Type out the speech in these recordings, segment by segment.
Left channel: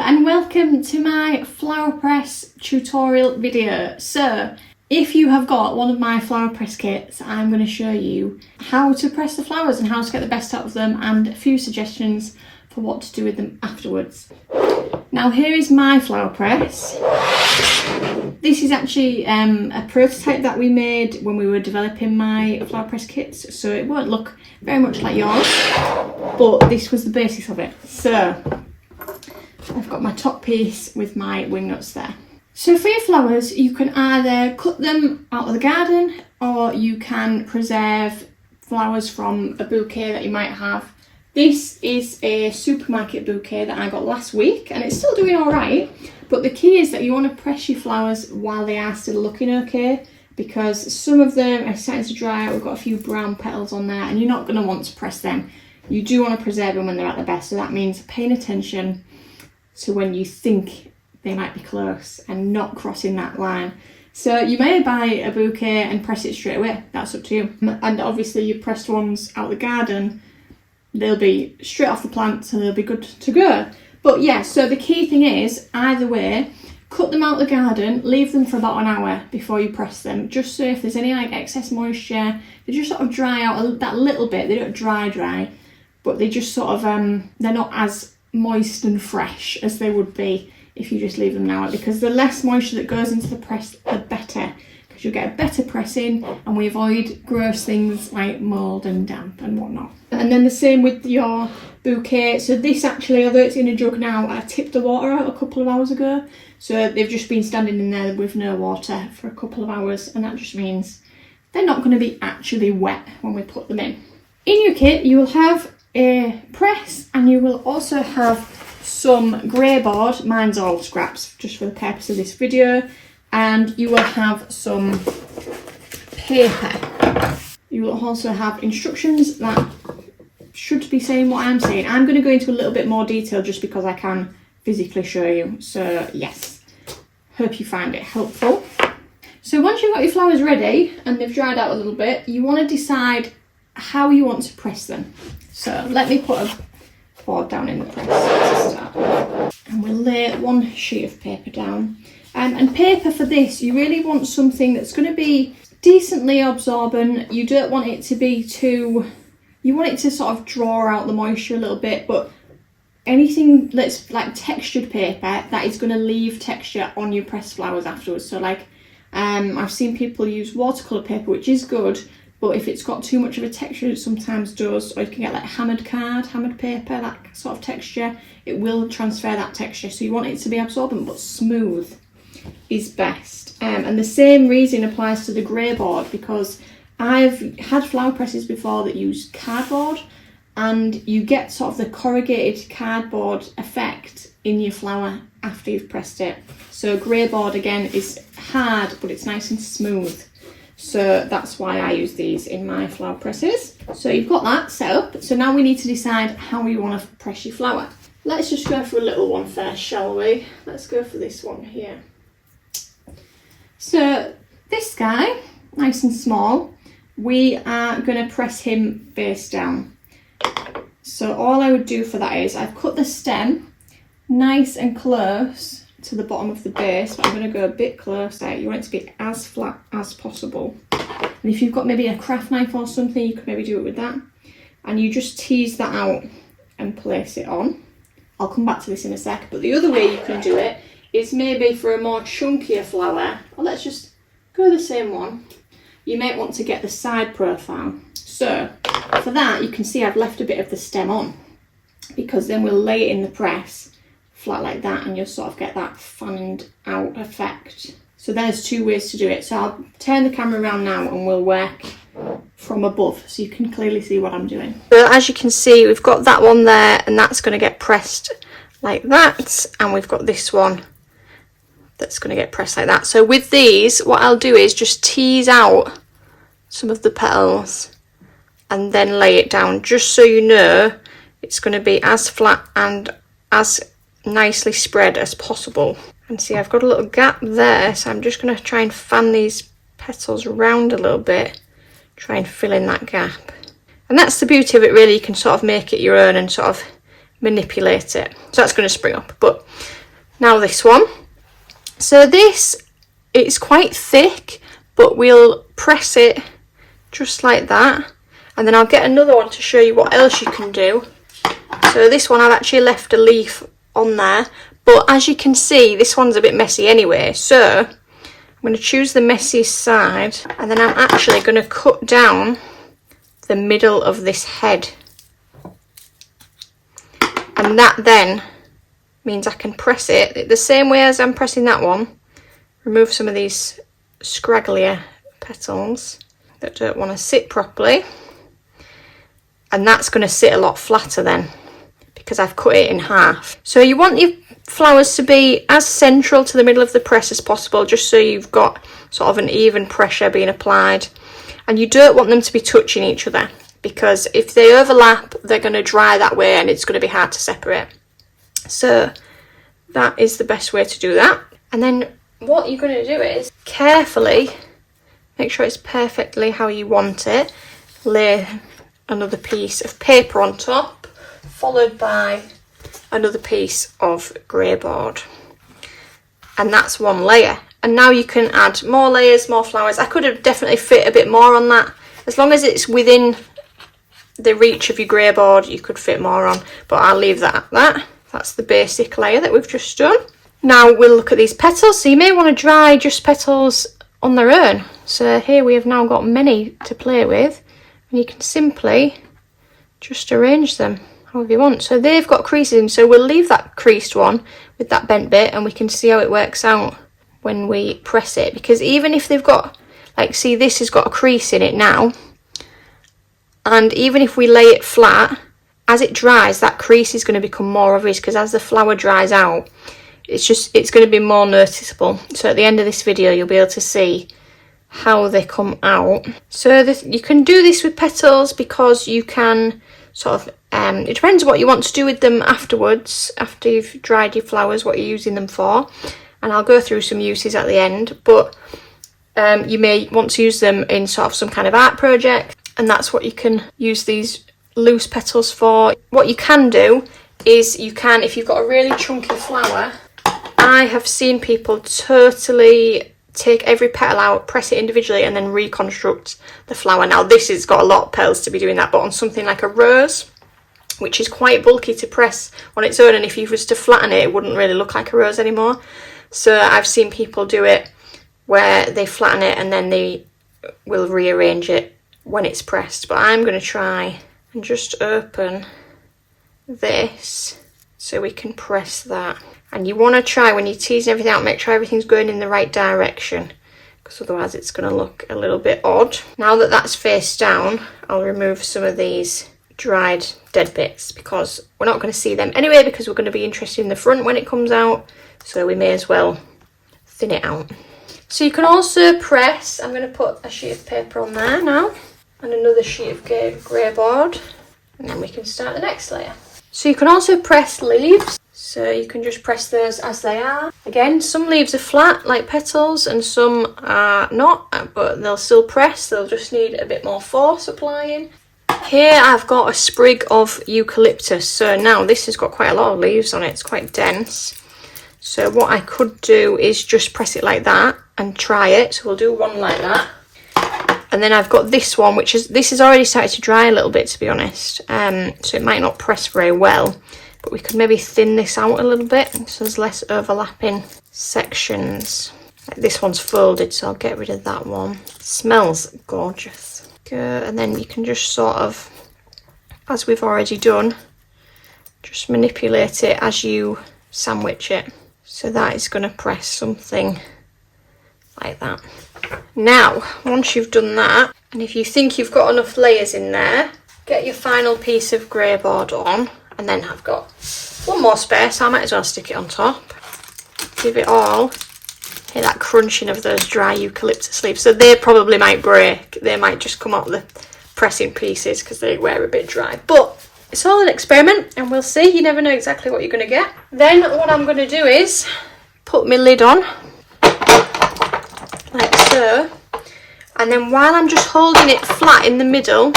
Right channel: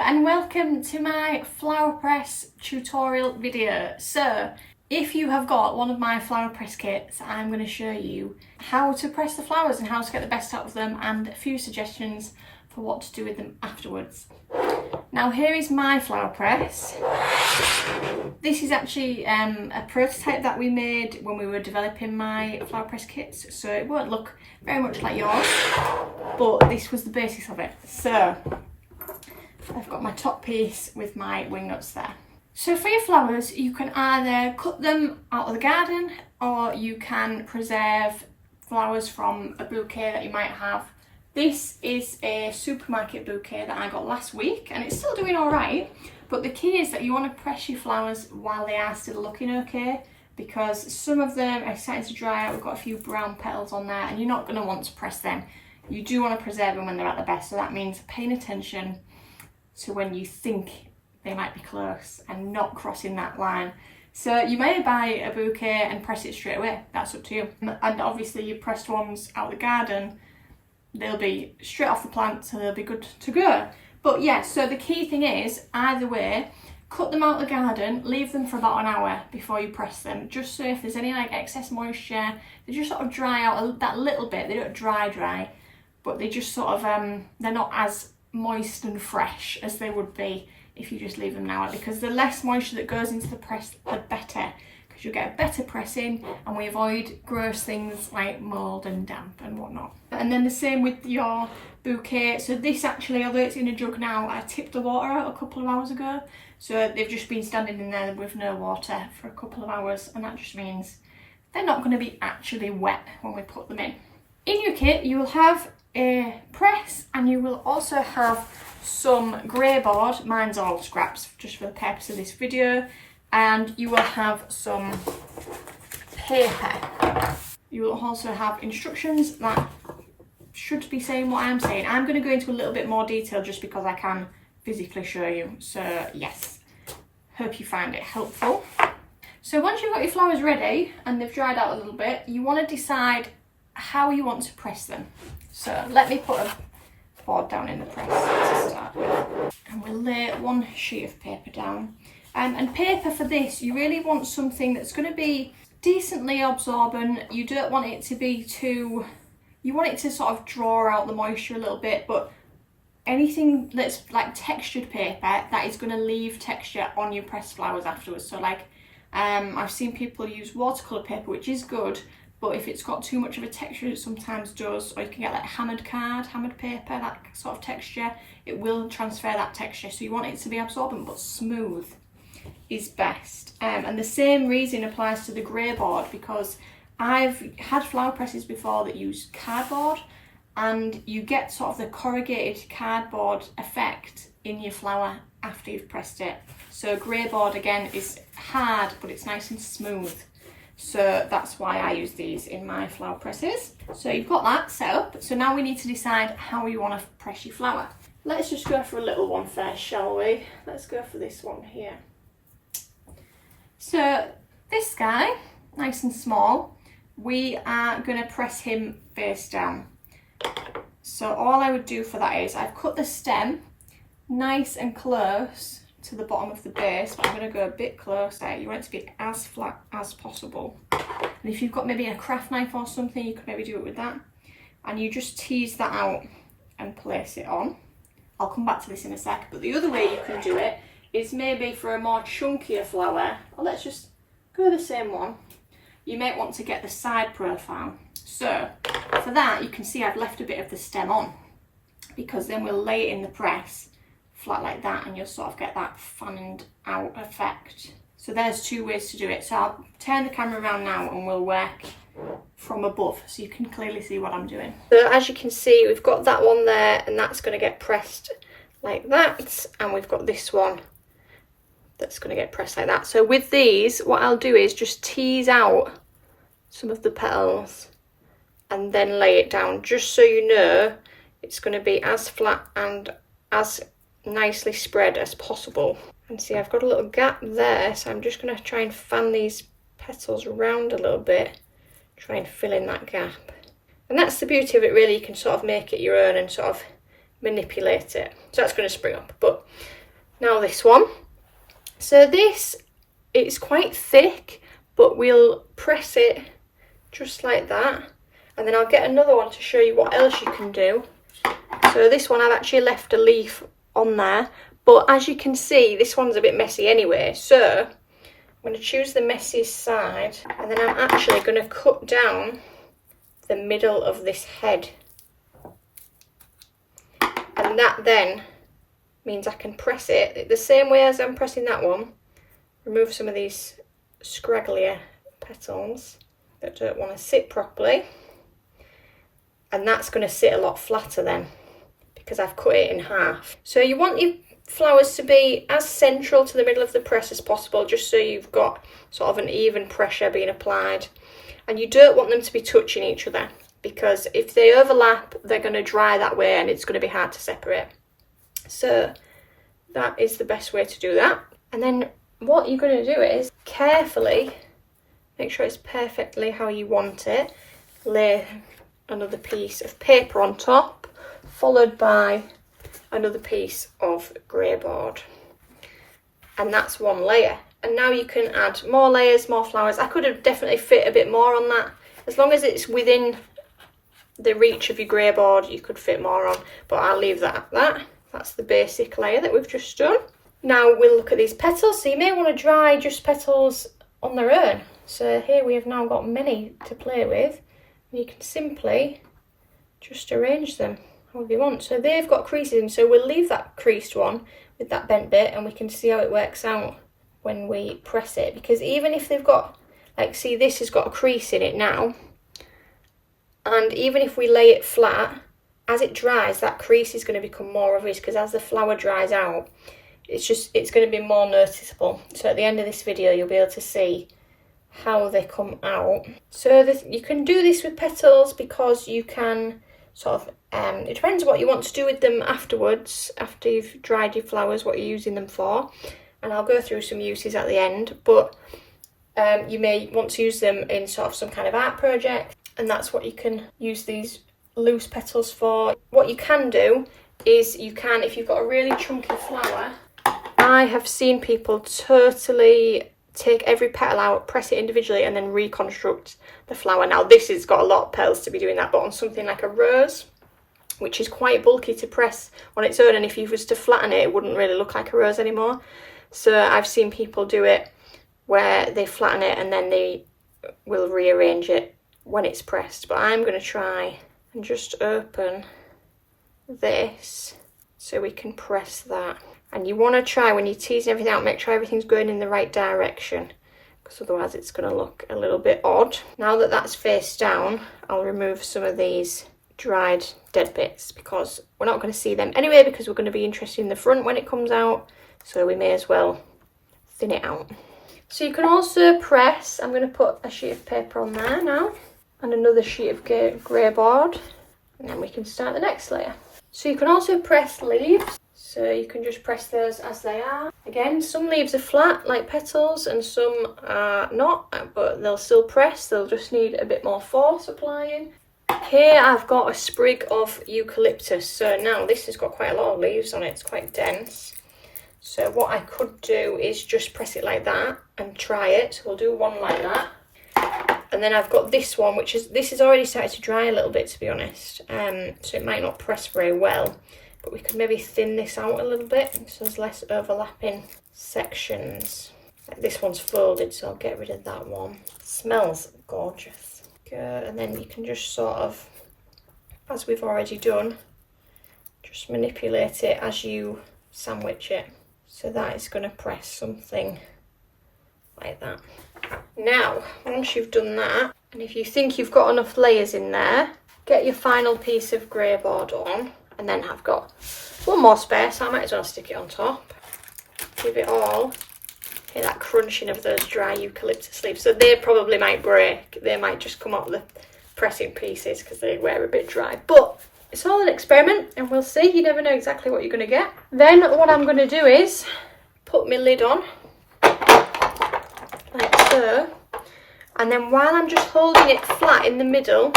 and welcome to my flower press tutorial video. So if you have got one of my flower press kits, I'm going to show you how to press the flowers and how to get the best out of them, and a few suggestions for what to do with them afterwards. Now here is my flower press. This is actually a prototype that we made when we were developing my flower press kits, so it won't look very much like yours, but this was the basis of it. So I've got my top piece with my wing nuts there. So for your flowers, you can either cut them out of the garden, or you can preserve flowers from a bouquet that you might have. This is a supermarket bouquet that I got last week, and it's still doing all right, but the key is that you want to press your flowers while they are still looking okay, because some of them are starting to dry out. We've got a few brown petals on there, and you're not going to want to press them. You do want to preserve them when they're at their best, so that means paying attention to when you think they might be close and not crossing that line. So you may buy a bouquet and press it straight away, that's up to you. And obviously your pressed ones out the garden, they'll be straight off the plant, so they'll be good to go. But yeah, so the key thing is, either way, cut them out the garden, leave them for about an hour before you press them, just so if there's any like excess moisture, they just sort of dry out that little bit. They don't dry, but they just sort of, they're not as moist and fresh as they would be if you just leave them an hour, because the less moisture that goes into the press, the better, because you'll get a better pressing, and we avoid gross things like mould and damp and whatnot. And then the same with your bouquet. So this actually, although it's in a jug now, I tipped the water out a couple of hours ago, so they've just been standing in there with no water for a couple of hours, and that just means they're not going to be actually wet when we put them in. In your kit you will have a press, and you will also have some grey board. Mine's all scraps just for the purpose of this video, and you will have some paper. You will also have instructions that should be saying what I'm saying. I'm going to go into a little bit more detail just because I can physically show you, so yes, hope you find it helpful. So once you've got your flowers ready and they've dried out a little bit, you want to decide how you want to press them. So let me put a board down in the press to start with, and we'll lay one sheet of paper down. And paper for this, you really want something that's going to be decently absorbent. You don't want it to be too, you want it to sort of draw out the moisture a little bit, but anything that's like textured paper that is going to leave texture on your pressed flowers afterwards. So like I've seen people use watercolour paper, which is good, but if it's got too much of a texture, it sometimes does. Or you can get like hammered paper, that sort of texture. It will transfer that texture. So you want it to be absorbent but smooth is best. And the same reason applies to the grey board, because I've had flower presses before that use cardboard, and you get sort of the corrugated cardboard effect in your flower after you've pressed it. So grey board again is hard, but it's nice and smooth. So that's why I use these in my flower presses. So you've got that set up. So now we need to decide how you want to press your flower. Let's just go for a little one first, shall we? Let's go for this one here. So this guy, nice and small, we are going to press him face down. So all I would do for that is I've cut the stem nice and close to the bottom of the base, but I'm going to go a bit closer. You want it to be as flat as possible. And if you've got maybe a craft knife or something, you could maybe do it with that. And you just tease that out and place it on. I'll come back to this in a sec, but the other way you can do it is maybe for a more chunkier flower, or let's just go the same one. You might want to get the side profile. So for that, you can see I've left a bit of the stem on, because then we'll lay it in the press flat like that, and you'll sort of get that fanned out effect. So there's two ways to do it. So I'll turn the camera around now and we'll work from above so you can clearly see what I'm doing. So as you can see, we've got that one there, and that's going to get pressed like that, and we've got this one that's going to get pressed like that. So with these, what I'll do is just tease out some of the petals and then lay it down, just so you know it's going to be as flat and as nicely spread as possible. And see, I've got a little gap there, so I'm just going to try and fan these petals around a little bit, try and fill in that gap. And that's the beauty of it really, you can sort of make it your own and sort of manipulate it. So that's going to spring up. But now this one. So this, it's quite thick, but we'll press it just like that. And then I'll get another one to show you what else you can do. So this one I've actually left a leaf on there. But as you can see, this one's a bit messy anyway. So I'm going to choose the messiest side. And then I'm actually going to cut down the middle of this head. And that then means I can press it the same way as I'm pressing that one. Remove some of these scragglier petals that don't want to sit properly. And that's going to sit a lot flatter then, because I've cut it in half. So you want your flowers to be as central to the middle of the press as possible, just so you've got sort of an even pressure being applied. And you don't want them to be touching each other, because if they overlap, they're going to dry that way and it's going to be hard to separate. So that is the best way to do that. And then what you're going to do is carefully make sure it's perfectly how you want it. Lay another piece of paper on top, followed by another piece of grey board. And that's one layer. And now you can add more layers, more flowers. I could have definitely fit a bit more on that. As long as it's within the reach of your grey board, you could fit more on, but I'll leave that at that. That's the basic layer that we've just done. Now we'll look at these petals. So you may want to dry just petals on their own. So here we have now got many to play with, and you can simply just arrange them however you want. So they've got creases in, so we'll leave that creased one with that bent bit, and we can see how it works out when we press it. Because even if they've got, like, see, this has got a crease in it now, and even if we lay it flat, as it dries, that crease is going to become more obvious, because as the flower dries out, it's going to be more noticeable. So at the end of this video, you'll be able to see how they come out. So you can do this with petals, because you can sort of, it depends what you want to do with them afterwards, after you've dried your flowers, what you're using them for. And I'll go through some uses at the end, but you may want to use them in sort of some kind of art project, and that's what you can use these loose petals for. What you can do is you can, if you've got a really chunky flower, I have seen people totally take every petal out, press it individually, and then reconstruct the flower. Now this has got a lot of petals to be doing that, but on something like a rose, which is quite bulky to press on its own, and if you was to flatten it, it wouldn't really look like a rose anymore. So I've seen people do it where they flatten it and then they will rearrange it when it's pressed. But I'm going to try and just open this so we can press that. And you want to try, when you're teasing everything out, make sure everything's going in the right direction, because otherwise it's going to look a little bit odd. Now that that's face down, I'll remove some of these dried dead bits, because we're not going to see them anyway, because we're going to be interested in the front when it comes out, so we may as well thin it out. So you can also press, I'm going to put a sheet of paper on there now, and another sheet of grey board, and then we can start the next layer. So you can also press leaves. So you can just press those as they are. Again, some leaves are flat like petals and some are not, but they'll still press. They'll just need a bit more force applying. Here I've got a sprig of eucalyptus. So now this has got quite a lot of leaves on it. It's quite dense. So what I could do is just press it like that and try it. So we'll do one like that. And then I've got this one, this has already started to dry a little bit, to be honest. So it might not press very well. But we could maybe thin this out a little bit so there's less overlapping sections. Like this one's folded, so I'll get rid of that one. It smells gorgeous. Good. And then you can just sort of, as we've already done, just manipulate it as you sandwich it. So that is going to press something like that. Now, once you've done that, and if you think you've got enough layers in there, get your final piece of grey board on. And then I've got one more spare, so I might as well stick it on top. Give it all. Hear that crunching of those dry eucalyptus leaves. So they probably might break. They might just come out the pressing pieces because they were a bit dry. But it's all an experiment and we'll see. You never know exactly what you're going to get. Then what I'm going to do is put my lid on. Like so. And then while I'm just holding it flat in the middle,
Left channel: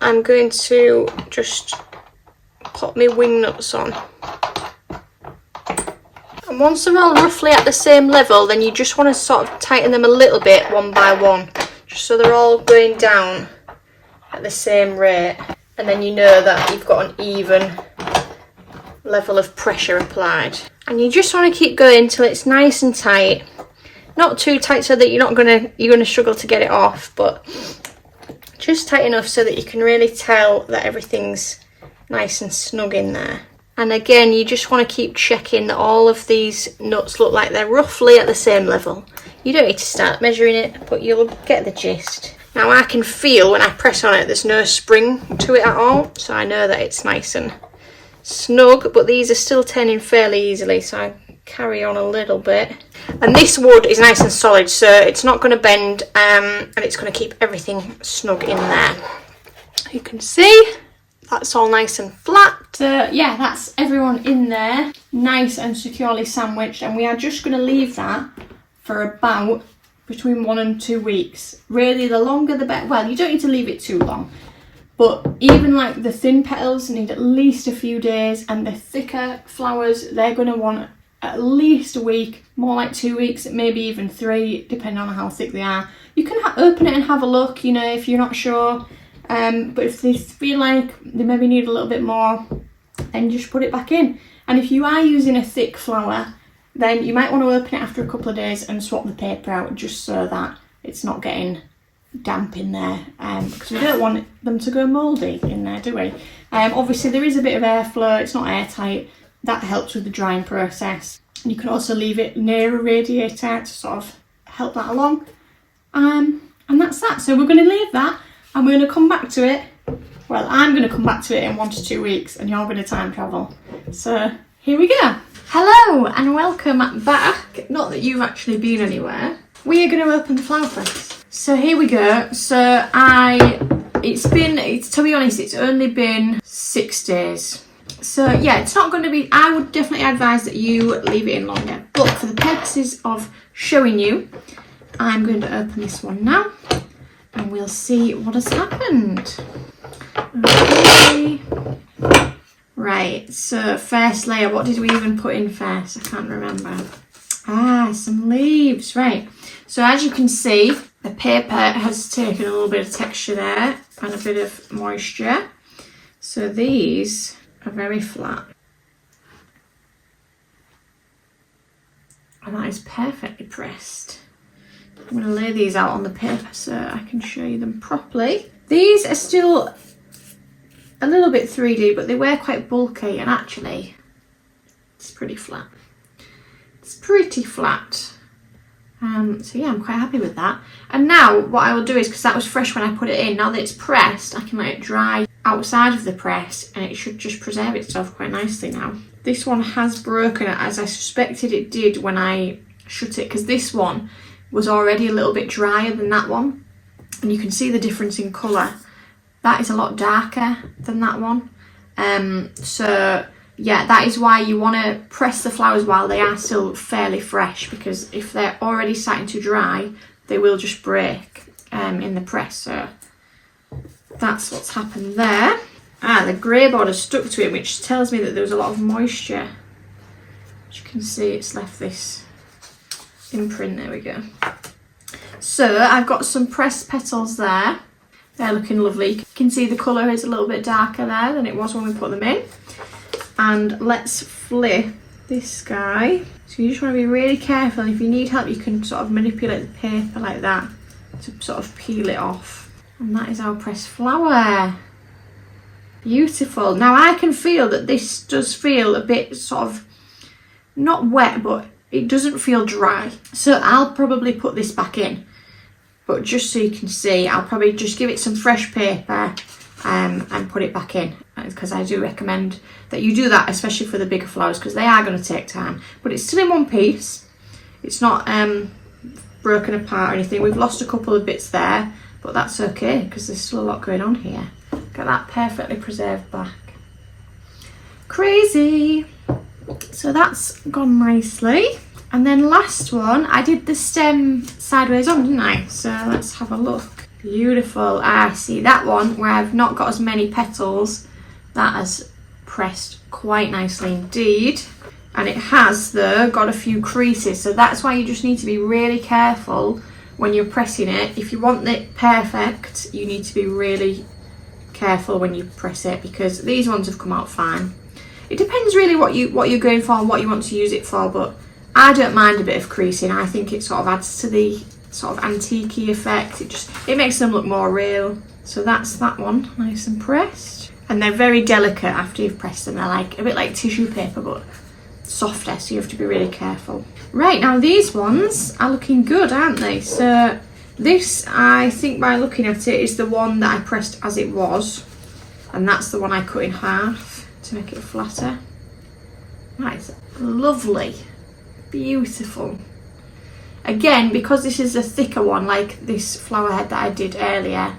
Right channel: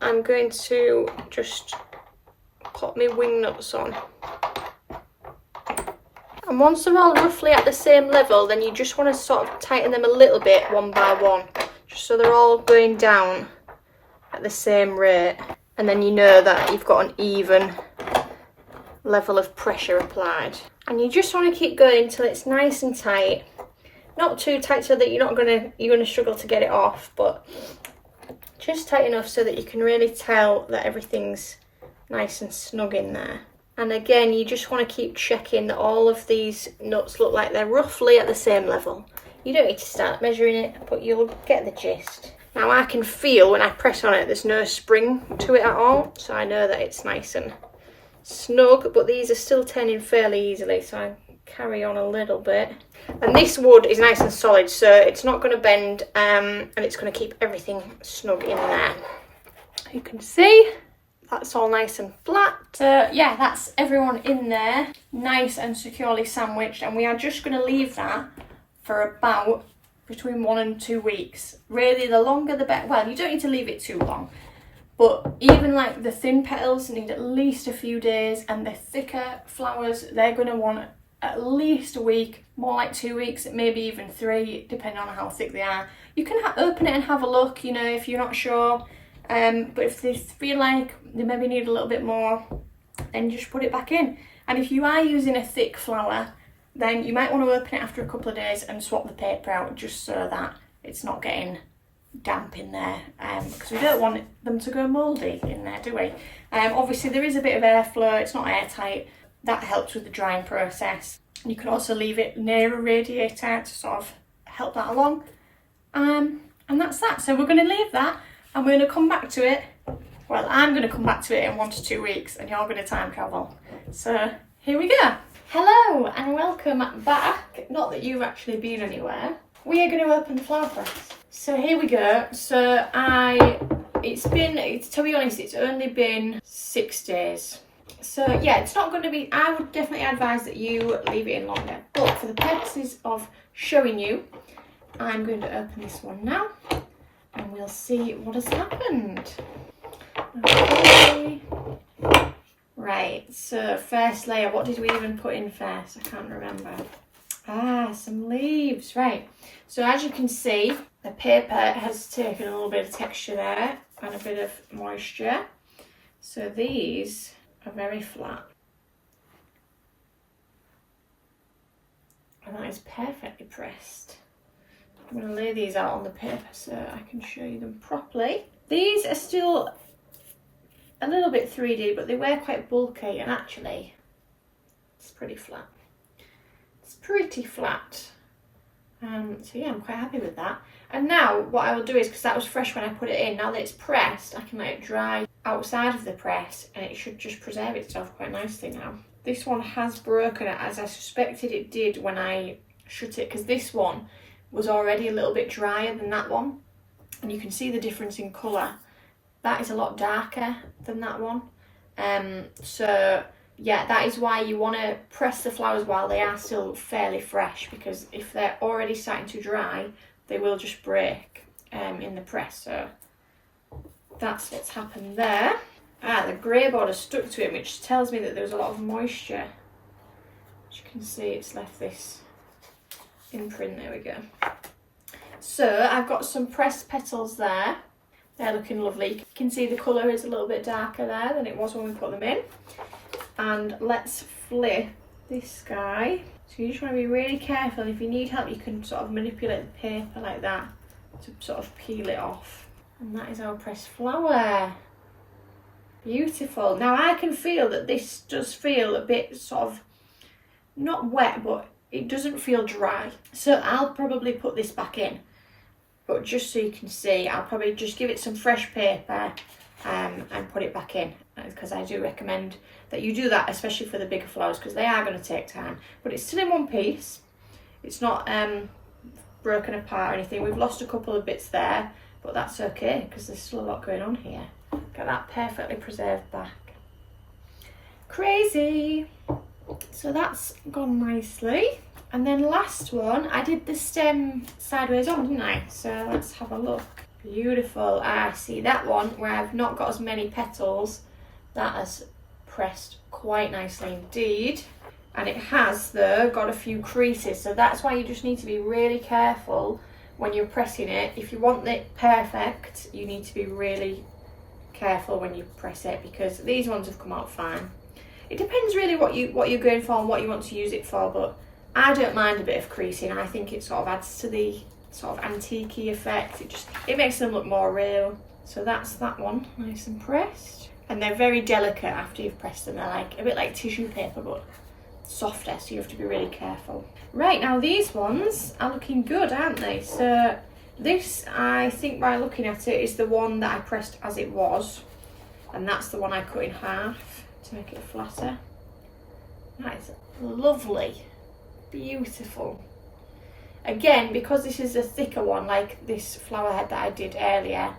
I'm going to just pop my wing nuts on. And once they're all roughly at the same level, then you just want to sort of tighten them a little bit one by one, just so they're all going down at the same rate. And then you know that you've got an even level of pressure applied. And you just want to keep going till it's nice and tight. Not too tight so that you're gonna struggle to get it off, but just tight enough so that you can really tell that everything's nice and snug in there. And again, you just want to keep checking that all of these nuts look like they're roughly at the same level. You don't need to start measuring it, but you'll get the gist. Now I can feel when I press on it, there's no spring to it at all, so I know that it's nice and snug, but these are still turning fairly easily, so I carry on a little bit. And this wood is nice and solid, so it's not going to bend, and it's going to keep everything snug in there. You can see that's all nice and flat. So yeah, that's everyone in there, nice and securely sandwiched, and we are just going to leave that for about between 1 and 2 weeks. Really, the longer the better. Well, you don't need to leave it too long, but even like the thin petals need at least a few days, and the thicker flowers, they're going to want at least a week, more like 2 weeks, maybe even 3, depending on how thick they are. You can open it and have a look, you know, if you're not sure. But if they feel like they maybe need a little bit more, then just put it back in. And if you are using a thick flower, then you might want to open it after a couple of days and swap the paper out, just so that it's not getting damp in there, because we don't want them to go mouldy in there, do we? Obviously there is a bit of airflow, it's not airtight. That helps with the drying process. And you can also leave it near a radiator to sort of help that along. And that's that. So we're going to leave that, and we're going to come back to it. Well, I'm going to come back to it in 1 to 2 weeks, and you're going to time travel. So here we go. Hello and welcome back. Not that you've actually been anywhere. We are going to open the flower press. So here we go. So to be honest, it's only been 6 days. So yeah, it's not going to be, I would definitely advise that you leave it in longer. But for the purposes of showing you, I'm going to open this one now, and we'll see what has happened. Okay. Right, so first layer, what did we even put in first? I can't remember. Some leaves, right. So as you can see, the paper has taken a little bit of texture there and a bit of moisture. So these are very flat. And that is perfectly pressed. I'm going to lay these out on the paper so I can show you them properly. These are still a little bit 3D, but they were quite bulky, and actually it's pretty flat. It's pretty flat. So yeah, I'm quite happy with that. And now what I will do is, because that was fresh when I put it in, now that it's pressed, I can let it dry outside of the press, and it should just preserve itself quite nicely now. This one has broken, as I suspected it did when I shut it, because this one was already a little bit drier than that one, and you can see the difference in colour. That is a lot darker than that one. So yeah, that is why you want to press the flowers while they are still fairly fresh, because if they're already starting to dry, they will just break in the press. So that's what's happened there. The grey border stuck to it, which tells me that there was a lot of moisture. As you can see, it's left this imprint. There we go. So I've got some pressed petals there. They're looking lovely. You can see the colour is a little bit darker there than it was when we put them in. And let's flip this guy. So you just want to be really careful. If you need help, you can sort of manipulate the paper like that to sort of peel it off. And that is our pressed flower. Beautiful. Now I can feel that this does feel a bit sort of, not wet, but it doesn't feel dry. So I'll probably put this back in. But just so you can see, I'll probably just give it some fresh paper and put it back in, because I do recommend that you do that, especially for the bigger flowers, because they are going to take time. But it's still in one piece. It's not broken apart or anything. We've lost a couple of bits there, but that's okay, because there's still a lot going on here. Got that perfectly preserved back. Crazy. So that's gone nicely. And then last one, I did the stem sideways on, didn't I? So let's have a look. Beautiful. See that one where I've not got as many petals, that has pressed quite nicely indeed. And it has though got a few creases, so that's why you just need to be really careful when you're pressing it. If you want it perfect, you need to be really careful when you press it, because these ones have come out fine. It depends really what you're going for and what you want to use it for, but I don't mind a bit of creasing. I think it sort of adds to the sort of antique-y effect. It makes them look more real. So that's that one, nice and pressed. And they're very delicate after you've pressed them. They're like a bit like tissue paper, but softer, so you have to be really careful. Right, now these ones are looking good, aren't they? So this, I think by looking at it, is the one that I pressed as it was, and that's the one I cut in half to make it flatter. That is lovely, beautiful. Again, because this is a thicker one, like this flower head that I did earlier,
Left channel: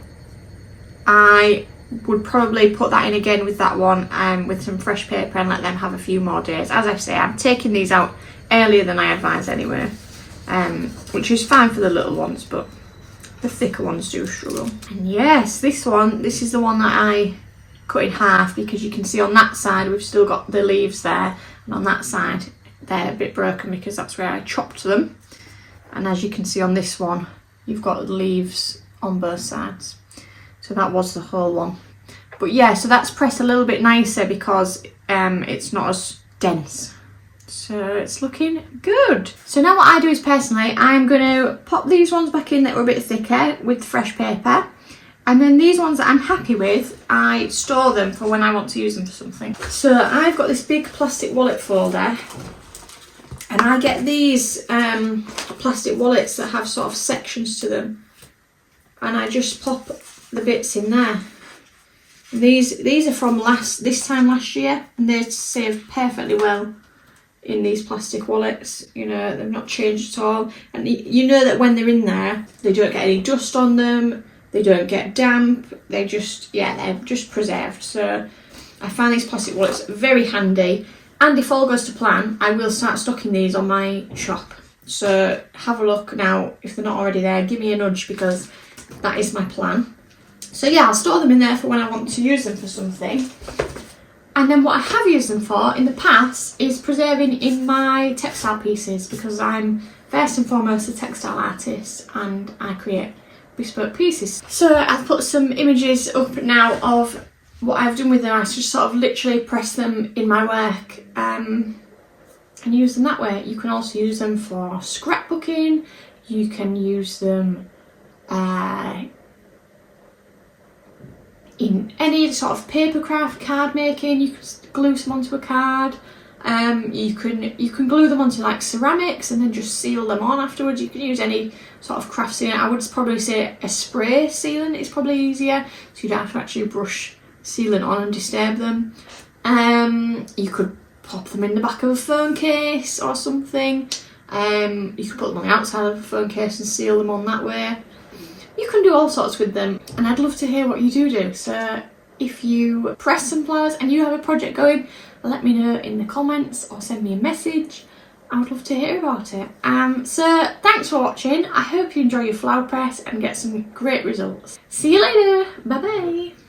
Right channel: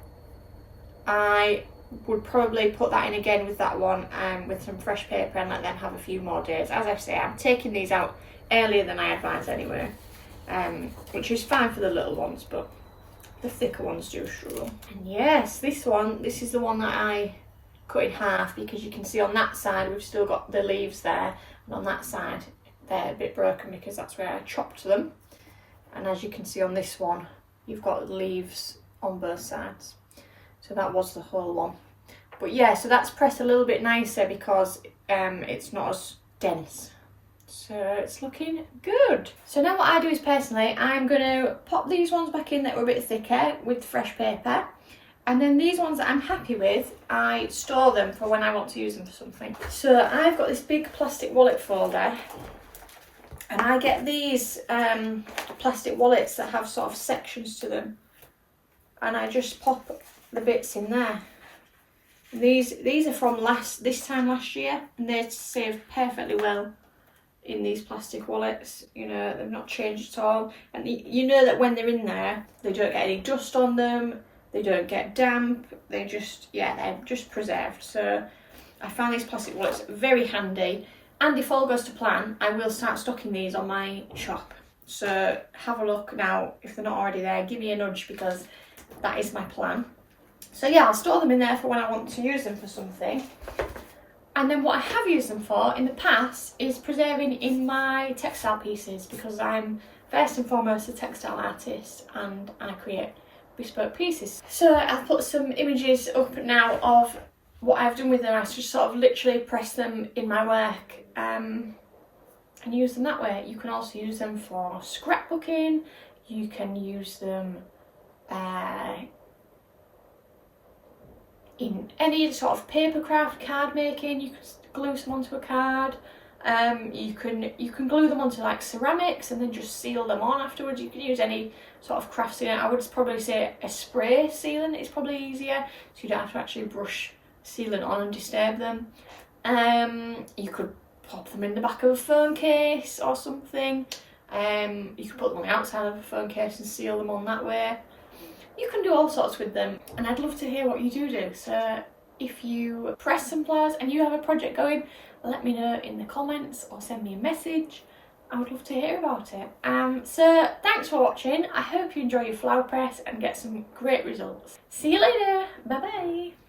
I would probably put that in again with that one with some fresh paper and let them have a few more days. As I say, I'm taking these out earlier than I advise anyway, which is fine for the little ones, but the thicker ones do struggle. And yes, this is the one that I cut in half, because you can see on that side we've still got the leaves there, and on that side they're a bit broken because that's where I chopped them. And as you can see on this one, you've got the leaves on both sides. So that was the whole one. But yeah, so that's pressed a little bit nicer because it's not as dense. So it's looking good. So now what I do is, personally, I'm going to pop these ones back in that were a bit thicker with fresh paper. And then these ones that I'm happy with, I store them for when I want to use them for something. So I've got this big plastic wallet folder. And I get these plastic wallets that have sort of sections to them. And I just pop the bits in there. These are from this time last year, and they save perfectly well in these plastic wallets. You know, they've not changed at all, and you know that when they're in there, they don't get any dust on them, they don't get damp, they're just preserved. So I find these plastic wallets very handy, and if all goes to plan, I will start stocking these on my shop. So have a look now. If they're not already there, give me a nudge, because that is my plan. So yeah, I'll store them in there for when I want to use them for something. And then what I have used them for in the past is preserving in my textile pieces, because I'm first and foremost a textile artist and I create bespoke pieces. So I've put some images up now of what I've done with them. I just sort of literally press them in my work and use them that way. You can also use them for scrapbooking. You can use them in any sort of paper craft, card making. You can glue some onto a card. You can glue them onto like ceramics and then just seal them on afterwards. You can use any sort of craft sealant. I would probably say a spray sealant is probably easier, so you don't have to actually brush sealant on and disturb them. You could pop them in the back of a phone case or something. You could put them on the outside of a phone case and seal them on that way. You can do all sorts with them, and I'd love to hear what you do. So if you press some flowers and you have a project going, let me know in the comments or send me a message. I would love to hear about it. So thanks for watching. I hope you enjoy your flower press and get some great results. See you later. Bye bye.